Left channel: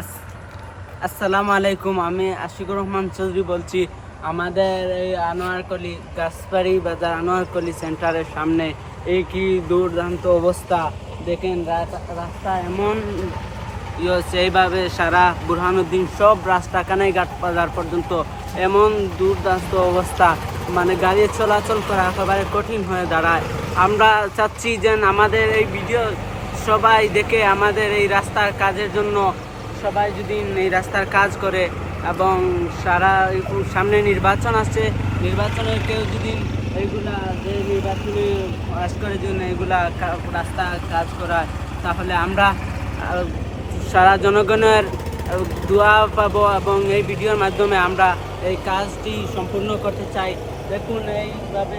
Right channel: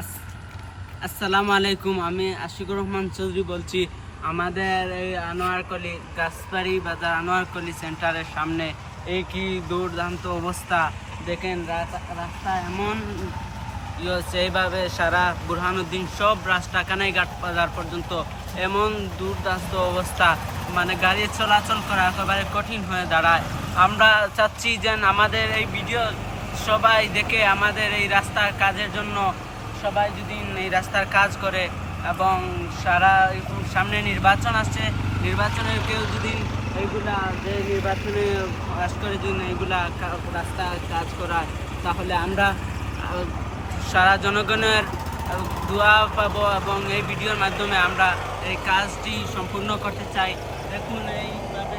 আস- আসসালামু আলাইকুম, আমি আশিকুর রহমান চৌধুরী বলছি। আমাদের এই আনোয়ারকলি গাছবাড়ি বাজার, আনোয়ারকলি সেন্টারের সামনে। এই কি দুর্দান্ত অবস্থা। দেখেন, রাস্তা এমন এইভাবে সারা বুরহানুদ্দিন সব রাস্তা কানাইঘাট বাজার পর্যন্ত এমন দুর্দান্ত অবস্থা। মানে গাড়ি চলাচল করা একেবারে কঠিন হয়ে দাঁড়ায়। আমরা চাচ্ছি যে আমাদের এই ভিডিও সবাই দেখে আমাদের এই রাস্তার কাজের জন্য সবাই যদি এই রাস্তার কাজ করে এবং সারা সামনে নির্বাচন আসছে, নির্বাচনে কেউ যদি এইগুলা যে নির্বাচনে কাজ করে যদি এইগুলা রাস্তা কাজ করা তাহলে আমরা সারা জনগণের দোয়া পাবো এবং এই ভিডিওর মাধ্যমে আমরা এই কাজটি সম্পূর্ণ করতে চাই। দেখুন, এইভাবে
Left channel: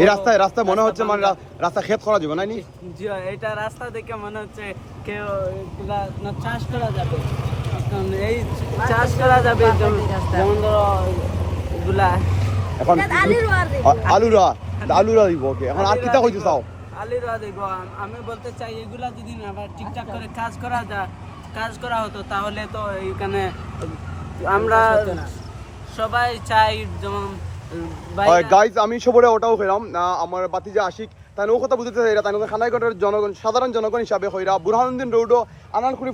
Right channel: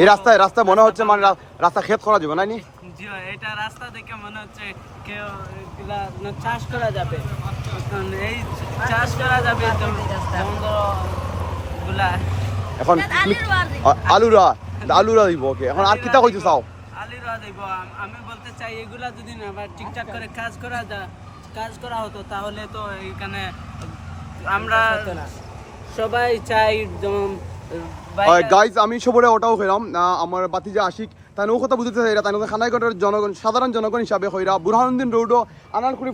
এই রাস্তায় রাস্তা মনে হচ্ছে মানে রাস্তা ক্ষেত করা যাবে না নি জি এটা রাস্তা দেখে মনে হচ্ছে কেউ না চাষ করা যাবে। এই চাষ করা যাবে যেমন ধরো এগুলা। এখন আলুর আলুরা দিব ওকে। এখন আর কিতা কইতে চাও আলিরা দেব। আমি বলতে চাই এগুলা যদি না ঠিকঠাক করে কাজ করা যায় কাজ করা হতো তাহলে তো এইখানে আমরা সবাই চাই যেমন গাইজ আমি সবরে ওটাও ফেরাম আমার বাতি যে আশিক তাই ও কথা বুঝতে চাই তাই খানাইঘাটের জনগণ সাধারণ জনগণ হিসাবে হইরা বুরহানুদ্দিন রোডও আনারকুড়ি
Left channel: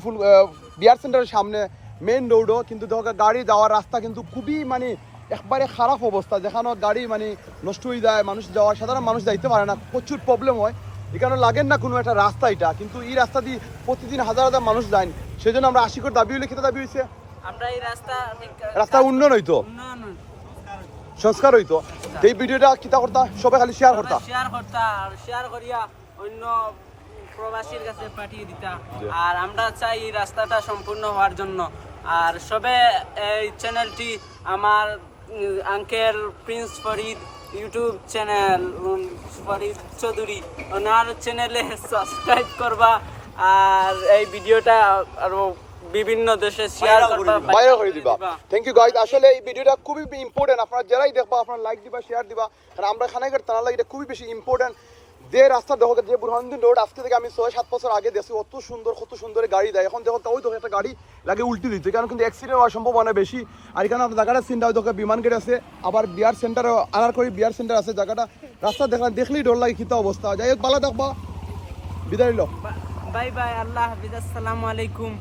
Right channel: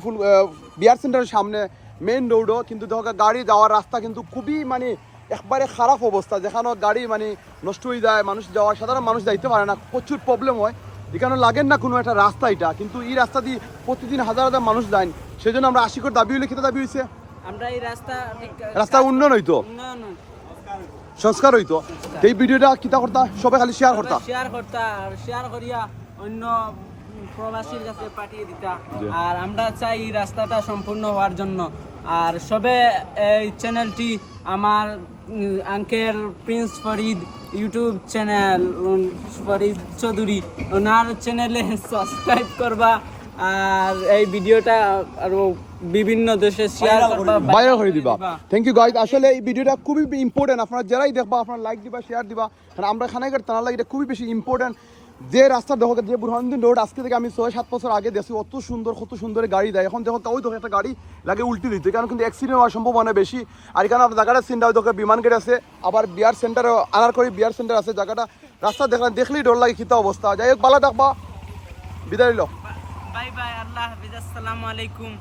বিয়ার সেন্টারের সামনে মেইন রোডও কিন্তু দেখো গাড়ি যাওয়ার রাস্তা কিন্তু খুবই মানে একবারে খারাপ অবস্থা যেখানে গাড়ি মানে নষ্ট হয়ে যায় মানুষ যাওয়া সাধারণ মানুষ যাইতে পারে না প্রচুর প্রবলেম হয়। এখানে লাগেন না কোনো একটা রাস্তা এটা কিন্তু এই রাস্তা দিয়ে প্রতিদিন হাজার হাজার মানুষ যায় সেই জন্য আমরা আশিকের দাবি হলে কিতা দাবি হয়েছে আমরা এই রাস্তা রাস্তা উন্নয়ন হইতো? উন্নয়ন হইতো। সংস্কার হইতো। এই ভিডিওটা কিতা করতা সবাই খালি শেয়ার করতা। শেয়ার করতা, আর শেয়ার করিয়া অন্য প্রবাসীর কাছে পাঠিয়ে দিতা। আর আমরা চাই এই রাস্তাটা সম্পূর্ণ হওয়ার জন্য। আর সবে এই চ্যানেলটি আমার uncle prince Farid YouTube channel Farid Chowdhury, ওনার চ্যানেলে সাবস্ক্রাইব করবা। আর এই ভিডিওটা আরও বিভিন্ন দেশে শেয়ার করবা ভাইরাল হয়ে দিবা। থ্যাংক ইউ গাইজ আসলে এই ভিডিওটা খুবই ইম্পর্টেন্ট আপনারা যারাই দেখবা আপনারা লাইক দিবা শেয়ার দিবা। কারণ আমরা খানা করতে না এটা খুবই বেশি ইম্পর্টেন্ট যে রাস্তা দেখো যে বুরহানুদ্দিন রোড আজকে থেকে আমি ছয় সাত বছর আগে দেখছি অত সুন্দর কত সুন্দর গাড়ি দেয়। এখন দেখো ওই দেখো একটা গাড়ি লাগে উল্টি দিচ্ছে। কারণ কিন্তু অ্যাক্সিডেন্ট হওয়ার সম্ভাবনা বেশি। আর এখানে আপনার জায়গাটা হয় দেখো বিমান গেট আছে। আবার বিয়ার সেন্টারে আনার করে বিয়ার সেন্টার আছে জায়গাটা। রাস্তা দেখলে দেখলেই ডর লাগে খিতা অবস্থা। যাই হোক বালা দেখবা। বিদায় লো বাই বাই আল্লাহ হাফিজ। আসসালামু আলাইকুম।